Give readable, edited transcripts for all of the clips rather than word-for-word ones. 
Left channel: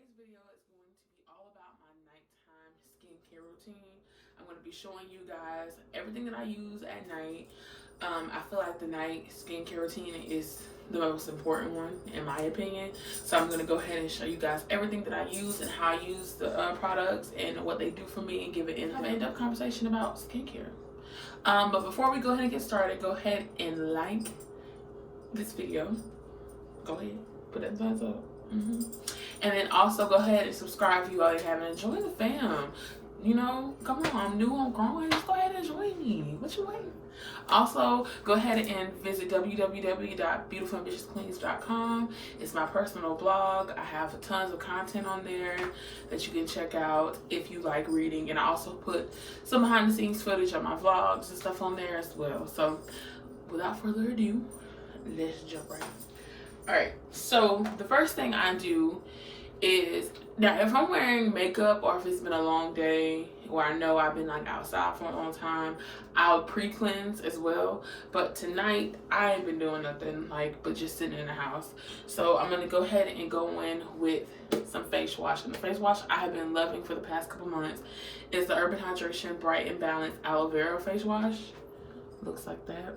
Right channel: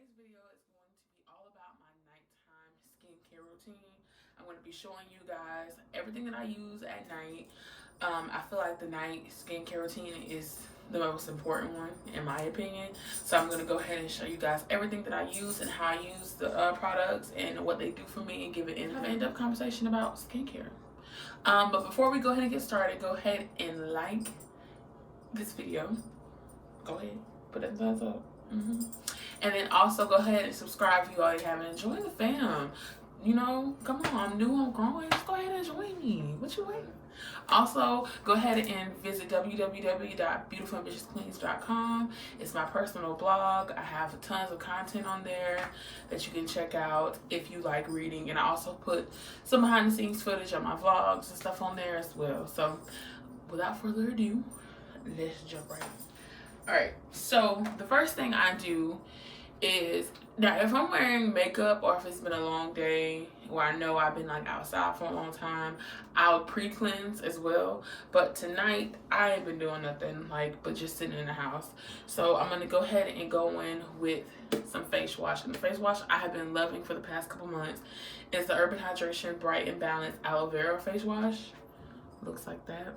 today's video is going to be all about my nighttime skincare routine. I'm going to be showing you guys everything that I use at night. I feel like the night skincare routine is the most important one in my opinion. So I'm going to go ahead and show you guys everything that I use and how I use the products and what they do for me, and have an in-depth conversation about skincare. But before we go ahead and get started, go ahead and like this video. Go ahead, put that thumbs up. And then also go ahead and subscribe if you already haven't. Enjoy the fam. You know, come on, I'm new, I'm growing. Just go ahead and join me. What you waiting? Also, go ahead and visit www.beautifulambitiousqueens.com. It's my personal blog. I have tons of content on there that you can check out if you like reading. And I also put some behind the scenes footage of my vlogs and stuff on there as well. So without further ado, let's jump right in. Alright, so the first thing I do is, now if I'm wearing makeup or if it's been a long day where I know I've been like outside for a long time, I'll pre-cleanse as well. But tonight I ain't been doing nothing but just sitting in the house. So I'm gonna go ahead and go in with some face wash. And the face wash I have been loving for the past couple months is the Urban Hydration Bright and Balanced Aloe Vera face wash. Looks like that.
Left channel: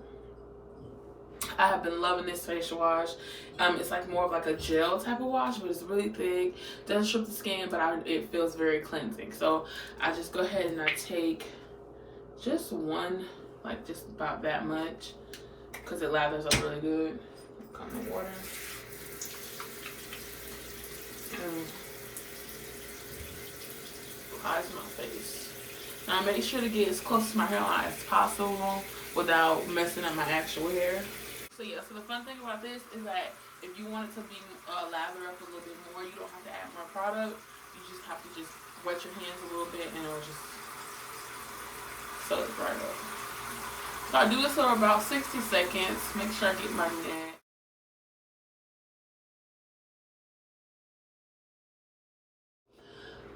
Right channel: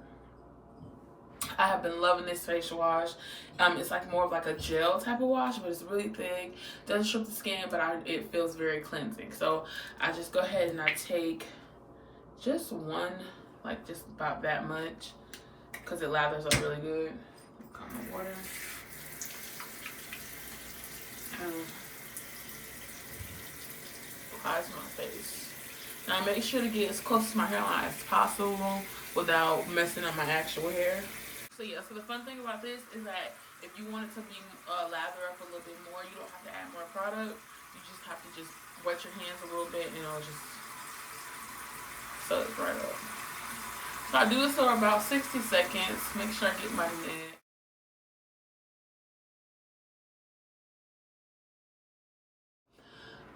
I have been loving this face wash. It's like more of like a gel type of wash, but it's really thick. Doesn't strip the skin, but it feels very cleansing. So I just go ahead and I take just one, like just about that much, because it lathers up really good. Got my water. Apply to my face. Now make sure to get as close to my hairline as possible without messing up my actual hair. So yeah, so the fun thing about this is that if you want it to be lather up a little bit more, you don't have to add more product. You just have to just wet your hands a little bit and it'll just suck right up. So I do this for about 60 seconds. Make sure I get my neck.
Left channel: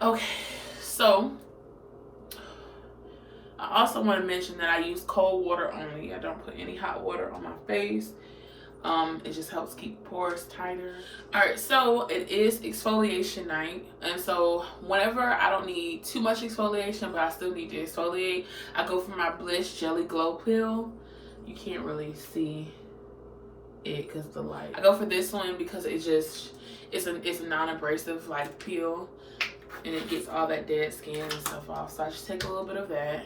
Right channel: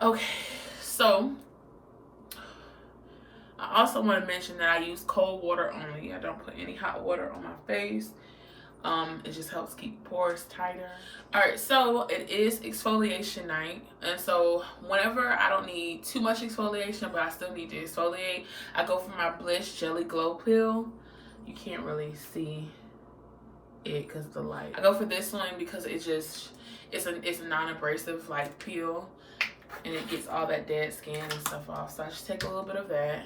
Okay, so I also want to mention that I use cold water only. I don't put any hot water on my face. It just helps keep pores tighter. Alright, so it is exfoliation night. And so whenever I don't need too much exfoliation, but I still need to exfoliate, I go for my Bliss Jelly Glow Pill. You can't really see it because of the light. I go for this one because it's a non-abrasive like peel. And it gets all that dead skin and stuff off. So I just take a little bit of that,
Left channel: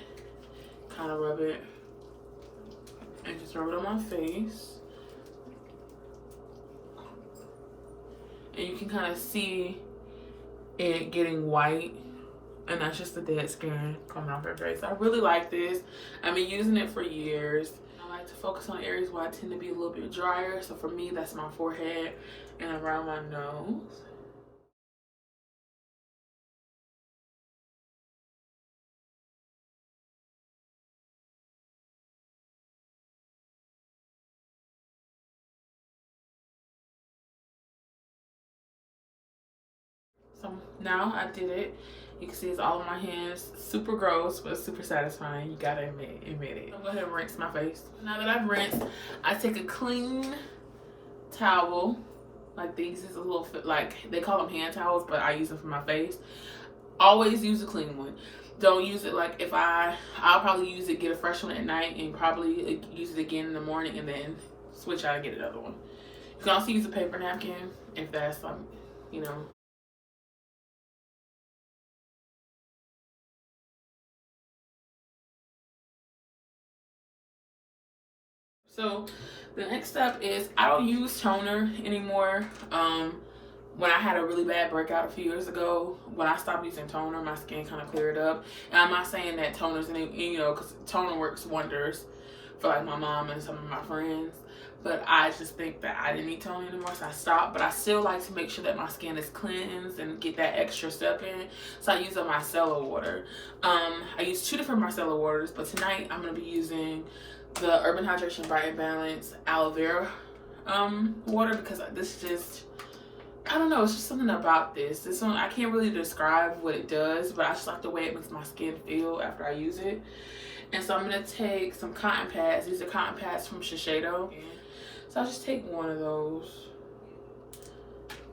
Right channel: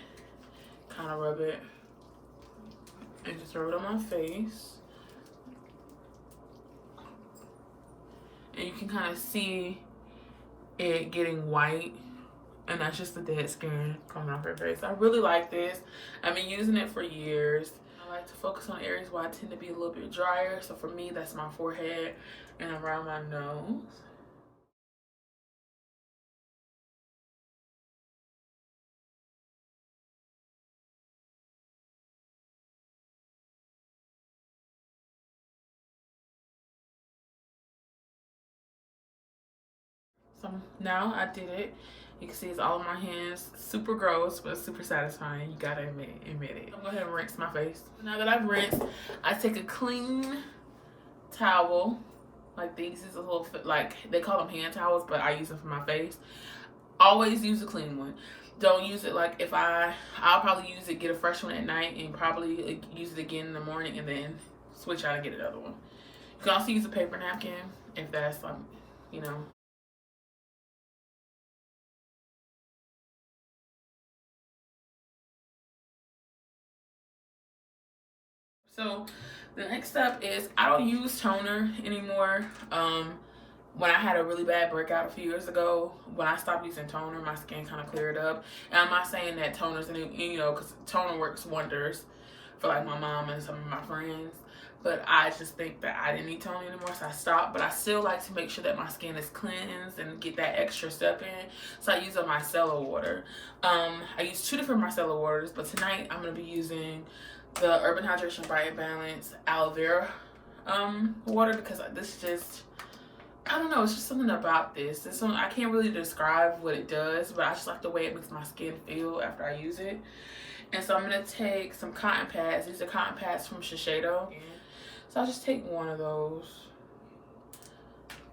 kind of rub it, and just rub it on my face. And you can kind of see it getting white, and that's just the dead skin coming off your face. I really like this. I've been using it for years. I like to focus on areas where I tend to be a little bit drier. So for me, that's my forehead and around my nose. So now I did it. You can see it's all on my hands. Super gross, but super satisfying. You gotta admit it. I'm gonna go ahead and rinse my face. Now that I've rinsed, I take a clean towel. Like these is a little, like they call them hand towels, but I use them for my face. Always use a clean one. Don't use it like I'll probably use it, get a fresh one at night, and probably use it again in the morning, and then switch out and get another one. You can also use a paper napkin if that's you know. So the next step is I don't use toner anymore. When I had a really bad breakout a few years ago, when I stopped using toner, my skin kind of cleared up. And I'm not saying that toner's because toner works wonders for like my mom and some of my friends. But I just think that I didn't need toner anymore, so I stopped. But I still like to make sure that my skin is cleansed and get that extra step in. So I use a micellar water. I use 2 different micellar waters, but tonight I'm going to be using the Urban Hydration Bright and Balanced Aloe Vera water, because this just, I don't know, it's just something about this one. I can't really describe what it does, but I just like the way it makes my skin feel after I use it. And so I'm going to take some cotton pads. These are cotton pads from Shiseido. So I'll just take one of those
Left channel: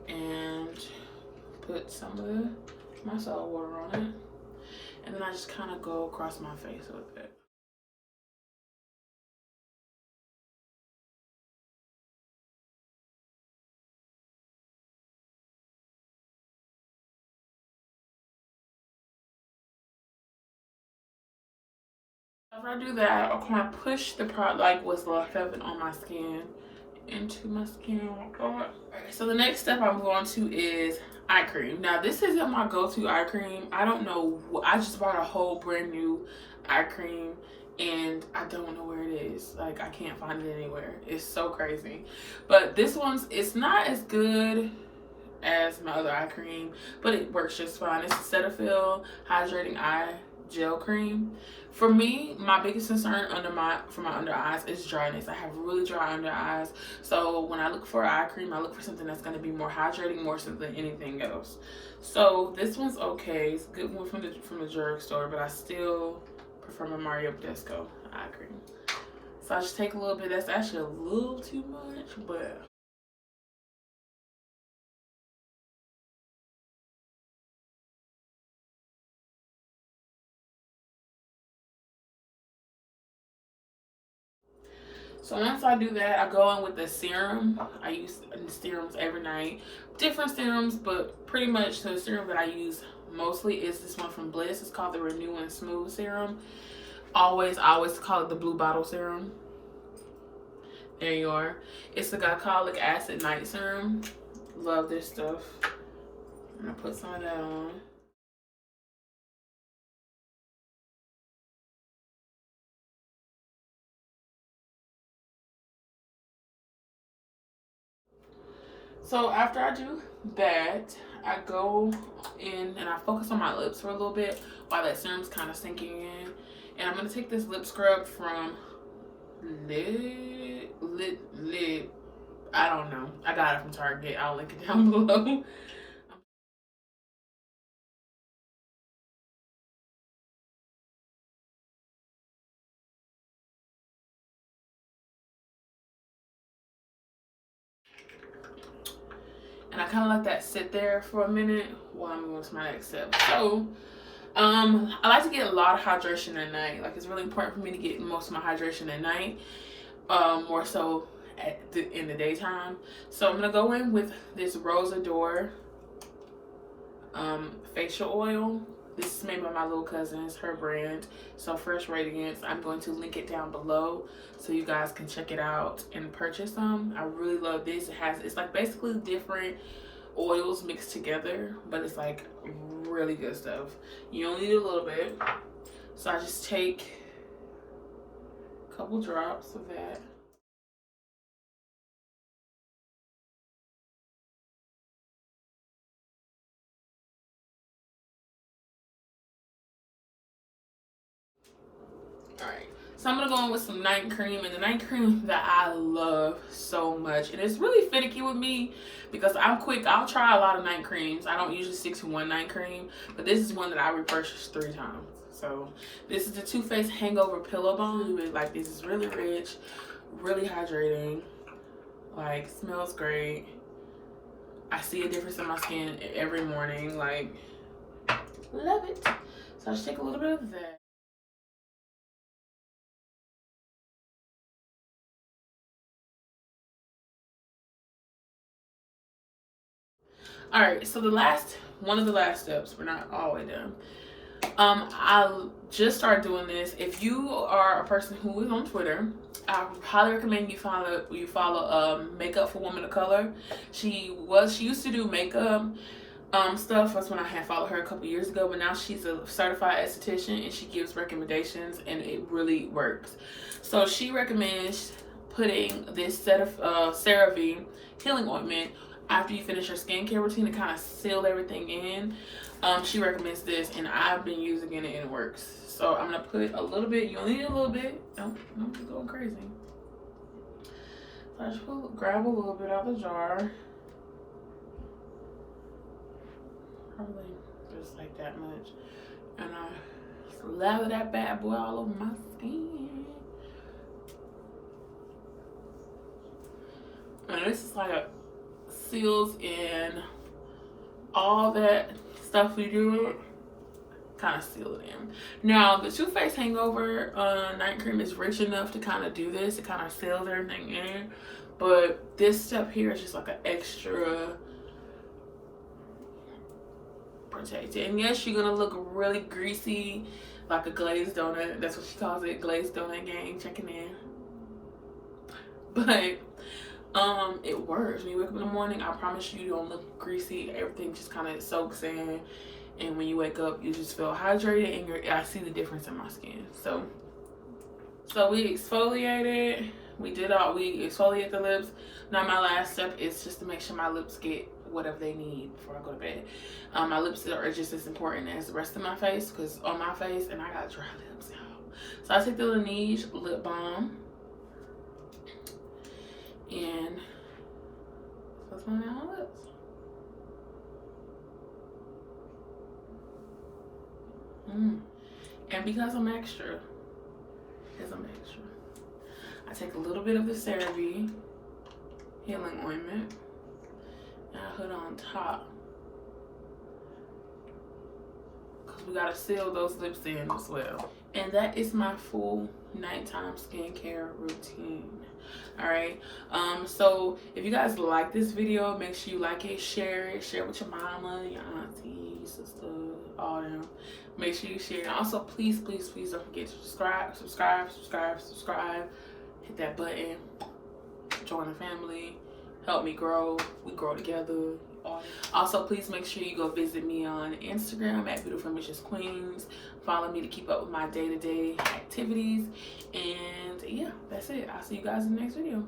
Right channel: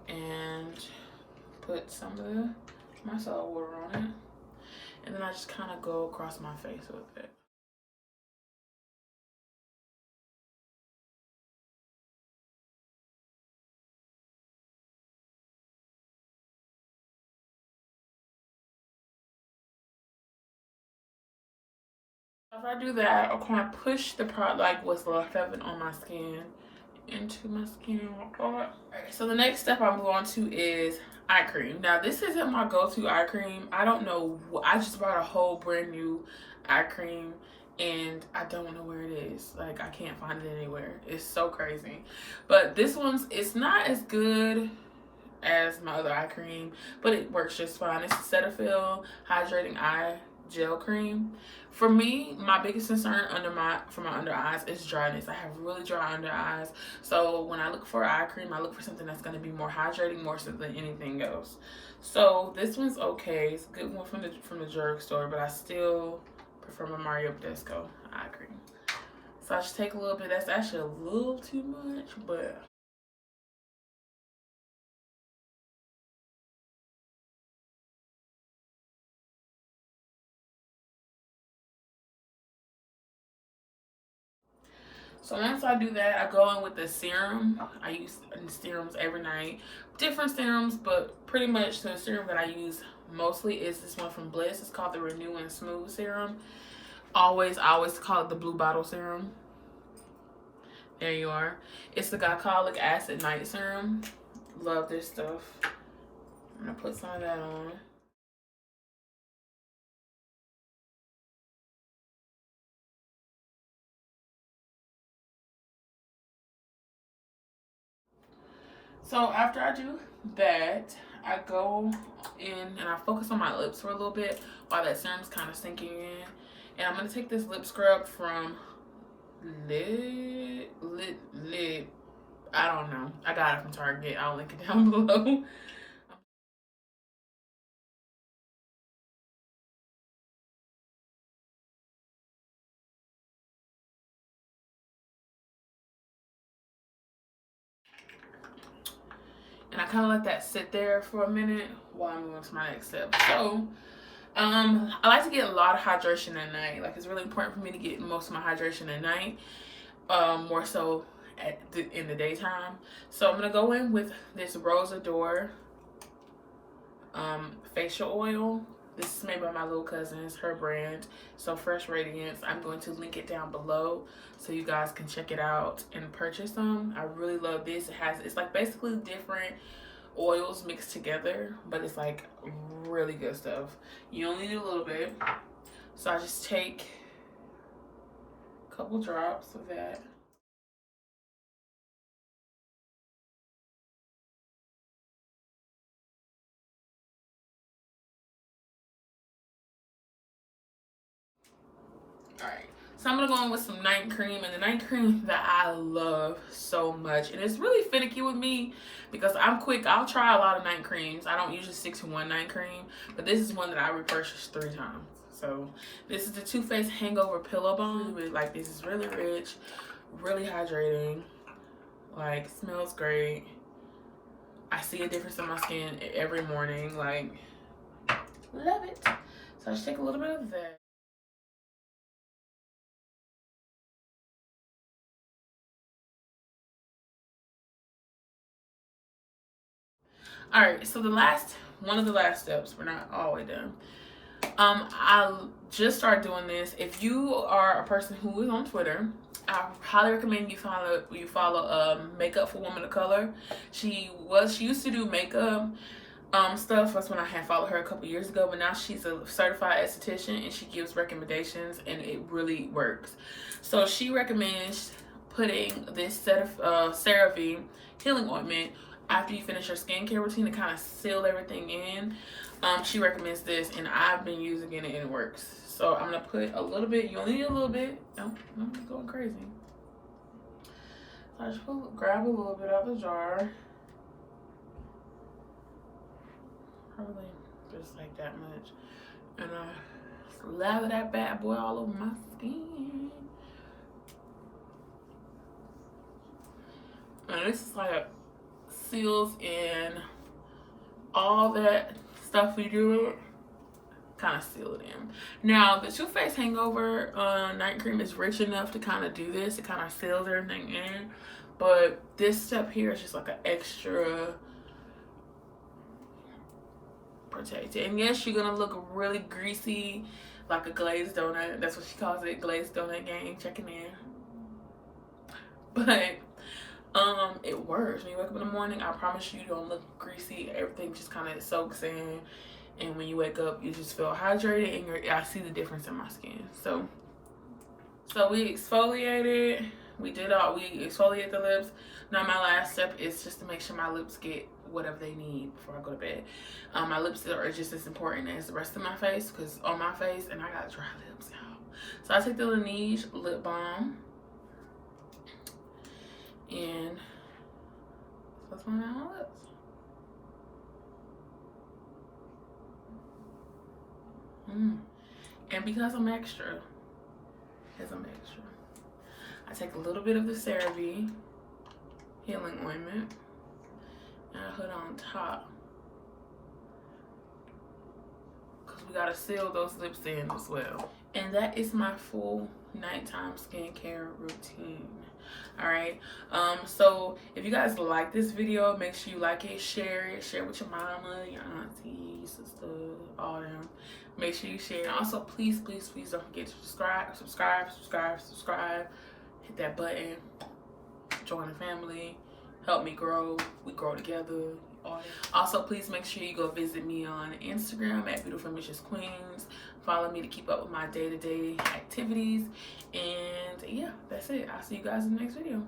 and put some of the micellar water on it. And then I just kind of go across my face with it. After I do that, I'll kind of push the product, like what's left of it on my skin, into my skin. Alright, so the next step I'm going to is eye cream. Now this isn't my go-to eye cream. I don't know, I just bought a whole brand new eye cream and I don't know where it is. Like, I can't find it anywhere. It's so crazy. But this one's, it's not as good as my other eye cream, but it works just fine. It's Cetaphil Hydrating Eye Gel Cream. For me, my biggest concern for my under eyes is dryness. I have really dry under eyes, so when I look for eye cream, I look for something that's going to be more hydrating, more so than anything else. So this one's okay. It's a good one from the drugstore, but I still prefer my Mario Badescu eye cream. So I just take a little bit. That's actually a little too much, but so once I do that, I go in with the serum. I use serums every night. Different serums, but pretty much the serum that I use mostly is this one from Bliss. It's called the Renew and Smooth Serum. I always call it the blue bottle serum. There you are. It's the glycolic acid night serum. Love this stuff. I'm gonna put some of that on. So after I do that, I go in and I focus on my lips for a little bit while that serum's kind of sinking in. And I'm gonna take this lip scrub from Lip, I don't know. I got it from Target. I'll link it down below. And I kind of let that sit there for a minute while I'm going to my next step. So, I like to get a lot of hydration at night. Like, it's really important for me to get most of my hydration at night, more so in the daytime. So I'm gonna go in with this Rose Adore facial oil. This is made by my little cousin. It's her brand, so Fresh Radiance. I'm going to link it down below so you guys can check it out and purchase them. I really love this. It's like basically different oils mixed together, but it's like really good stuff. You only need a little bit, so I just take a couple drops of that. Alright, so I'm gonna go in with some night cream, and the night cream that I love so much, and it's really finicky with me because I'm quick. I'll try a lot of night creams. I don't usually stick to one night cream, but this is one that I repurchased 3 times. So this is the Too Faced Hangover Pillow Balm. Really like this. Is really rich, really hydrating, like smells great. I see a difference in my skin every morning, like love it. So I just take a little bit of that. All right, so one of the last steps, we're not all the way done. I just started doing this. If you are a person who is on Twitter, I highly recommend you follow Makeup for Women of Color. She used to do makeup stuff. That's when I had followed her a couple years ago, but now she's a certified esthetician and she gives recommendations and it really works. So she recommends putting this set of CeraVe healing ointment after you finish your skincare routine to kind of seal everything in. She recommends this and I've been using it and it works. So I'm gonna put a little bit. You only need a little bit. Don't be going crazy. So I just grab a little bit out of the jar. Probably just like that much. And I lather that bad boy all over my skin. And this is like seals in all that stuff we do, kind of seal it in. Now the Too Faced Hangover night cream is rich enough to kind of do this. It kind of seals everything in, but this step here is just like an extra protected. And yes, you're gonna look really greasy, like a glazed donut. That's what she calls it, glazed donut gang, checking in. But it works. When you wake up in the morning, I promise you don't look greasy. Everything just kind of soaks in, and when you wake up, you just feel hydrated, and I see the difference in my skin. So we exfoliated. We exfoliate the lips. Now my last step is just to make sure my lips get whatever they need before I go to bed. My lips are just as important as the rest of my face, because on my face, and I got dry lips, y'all. So I take the Laniege Lip Balm, and that's on my lips. And because I'm extra, I take a little bit of the CeraVe Healing Ointment, and I put on top, because we gotta seal those lips in as well. And that is my full nighttime skincare routine. All right, so if you guys like this video, make sure you like it, share with your mama, your auntie, your sister, all them. Make sure you share. And also, please don't forget to subscribe. Hit that button, join the family, help me grow. We grow together. Also, please make sure you go visit me on Instagram at Beautiful Ambitious Queens. Follow me to keep up with my day-to-day activities. And yeah, that's it. I'll see you guys in the next video.